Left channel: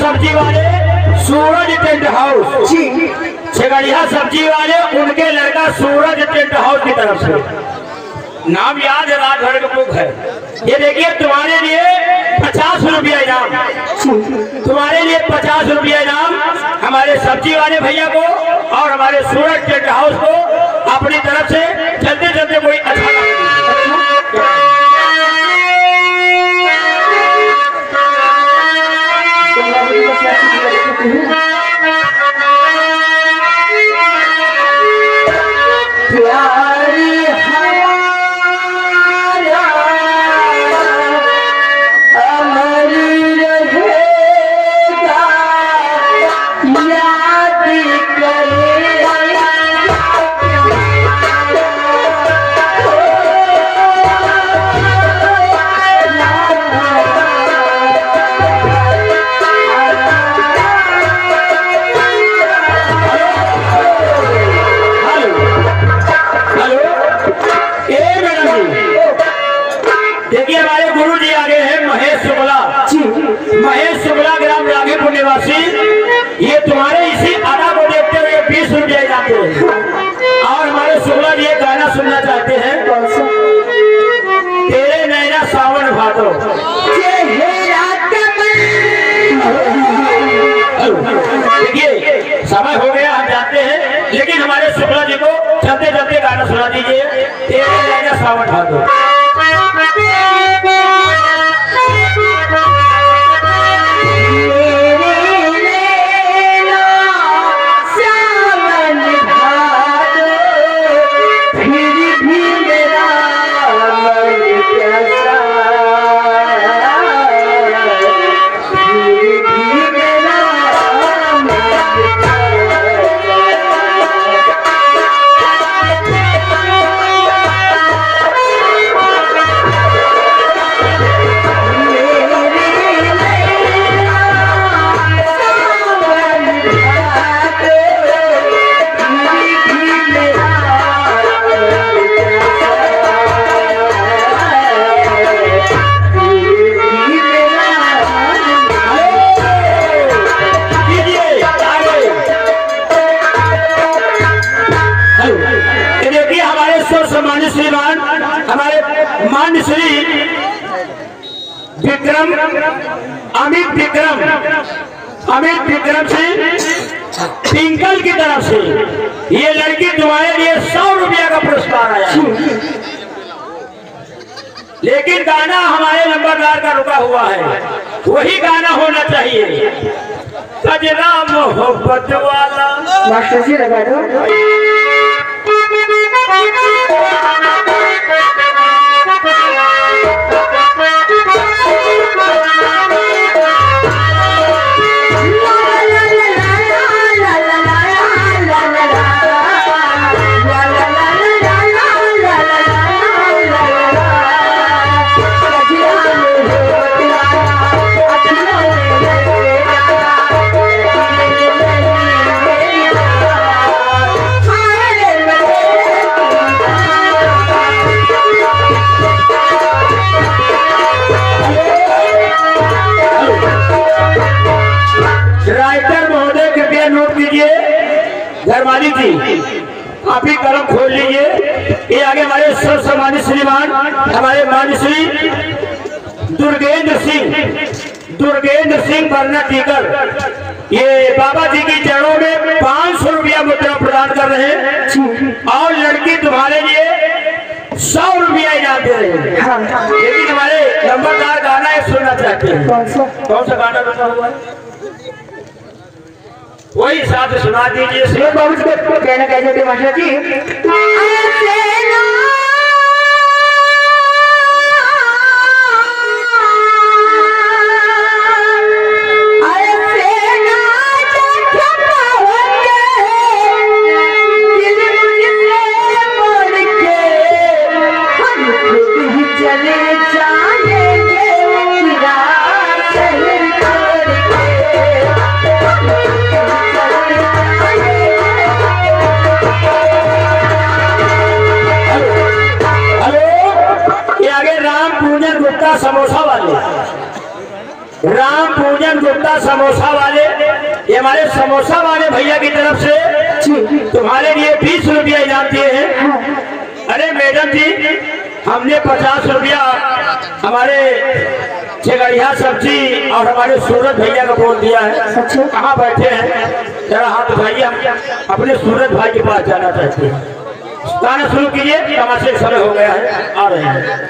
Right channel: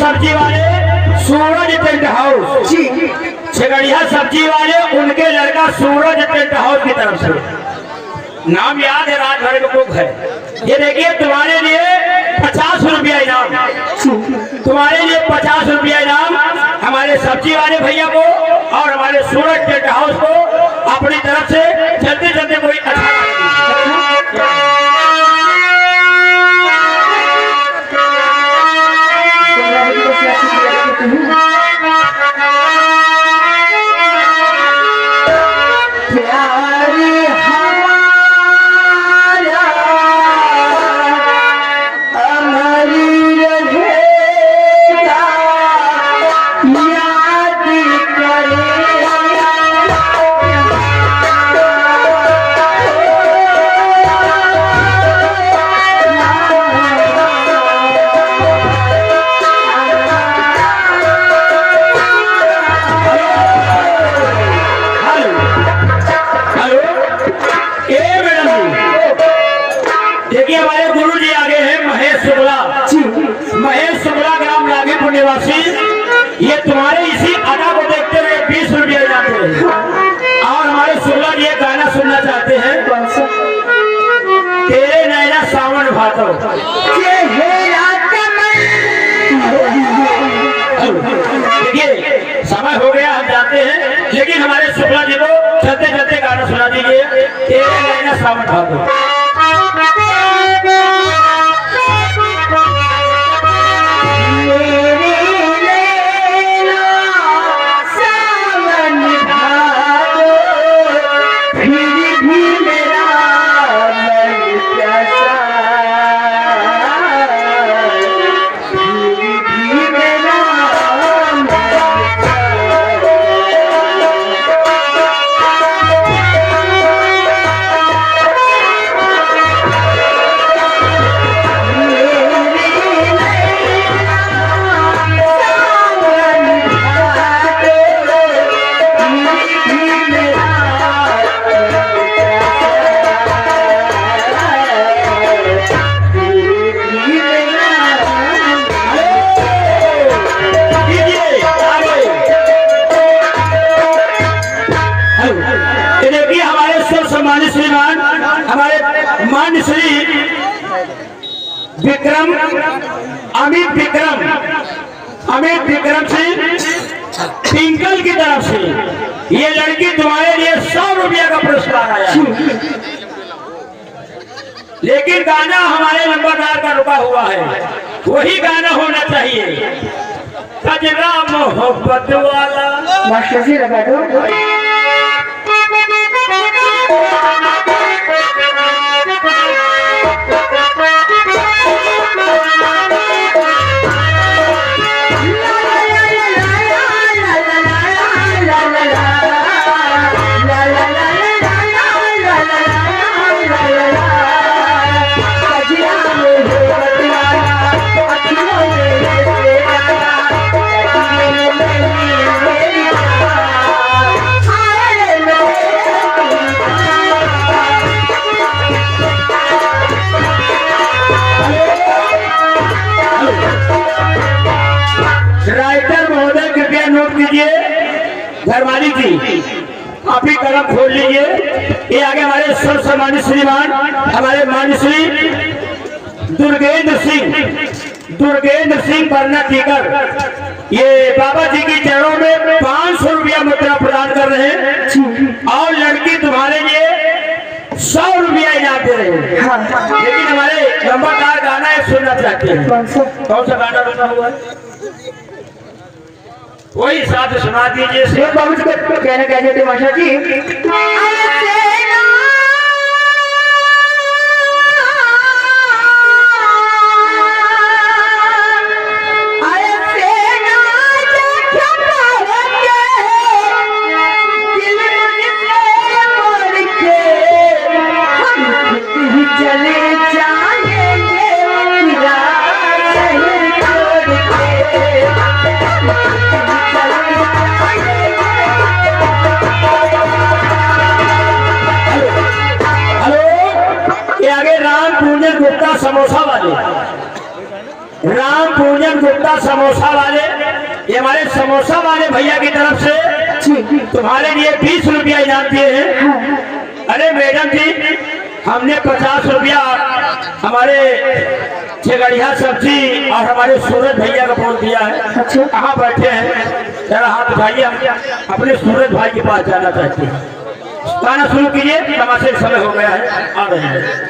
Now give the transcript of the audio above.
सब्जी वाले सूरज tent house, छगड़िया सब्जी वाले उनके लड़का सूरज टेंट हाउस की तरफ से नाम याद है, राजभर का बुक है। ये देखिए तुम्हारे लिए 50 रुपया इनाम, तुम्हारे लिए 50 रुपया इनाम हमारे सब्जी वाले भैया को और हमारे सूरज टेंट हाउस को अपनी तरफ से चलते चलते कोई अच्छा ये तुम्हारे इसी अदा को देखते हुए 20 रुपया जाते हैं। और हमारे शुक्ला जी गाना सुनना चाहते हैं, तेरे नैना सावन भातो। ये समय हो गया, हम जाते हैं, लेकिन हमारे शुक्ला जी को चलते चलते गाना सुना दीजिए, तेरे नैना सावन भातो। हमारे श्री विक्रम अमित विक्रम सिंह टिंकल की तरफ से ये लड़की तुम्हारे लिए 100 रुपया का पुरस्कार आया है। लेकिन गाना हमारे नंबरदार का रुका हुआ है, वही गाना होना चाहिए। सजना मोहब्बत वाला मास्टर जी लगा दो। राइटर महोदय कृपया नोट कीजिए, धर्माली जी आप ही कलम खोल लीजिए। ये आगे हमारे सर्व सम्मानित श्रीमान हमारे मान्य श्री दुर्गेंद्र सिंह बरना टीकर, ये बाबा जी के चरणों में 500 रुपया मुद्रा प्रदान कर रहे हैं और लड़की तुम्हारे लिए 100 रुपया इनाम दे रहे हैं। हाँ। लेकिन हमारे नंबरदार गाना एक सुनना चाहते हैं। कौन सा गाना बना हुआ है वही साथ सुना दीजिए। बाबू जी को कहना कहते थे मास्टर जी, समोसा वाले राम पूजन गुप्ता समोसा वाले, ये हमारे समोसा वाले भैया की तरफ से तुम्हारे लिए 20 रुपया इनाम दिए हैं। अरे मैडम जी हमने 50 रुपया हमारे छेगड़िया सब्जी और हमारे सूरज भैया को बोल दिया है। कहाँ बैठे हैं जरा हाथ भाई, हम अपने सूरज भाई के पास जाना चाहते हैं। गाना शुरू कीजिए, तमाशे समय हो गया है, आ रहे हैं।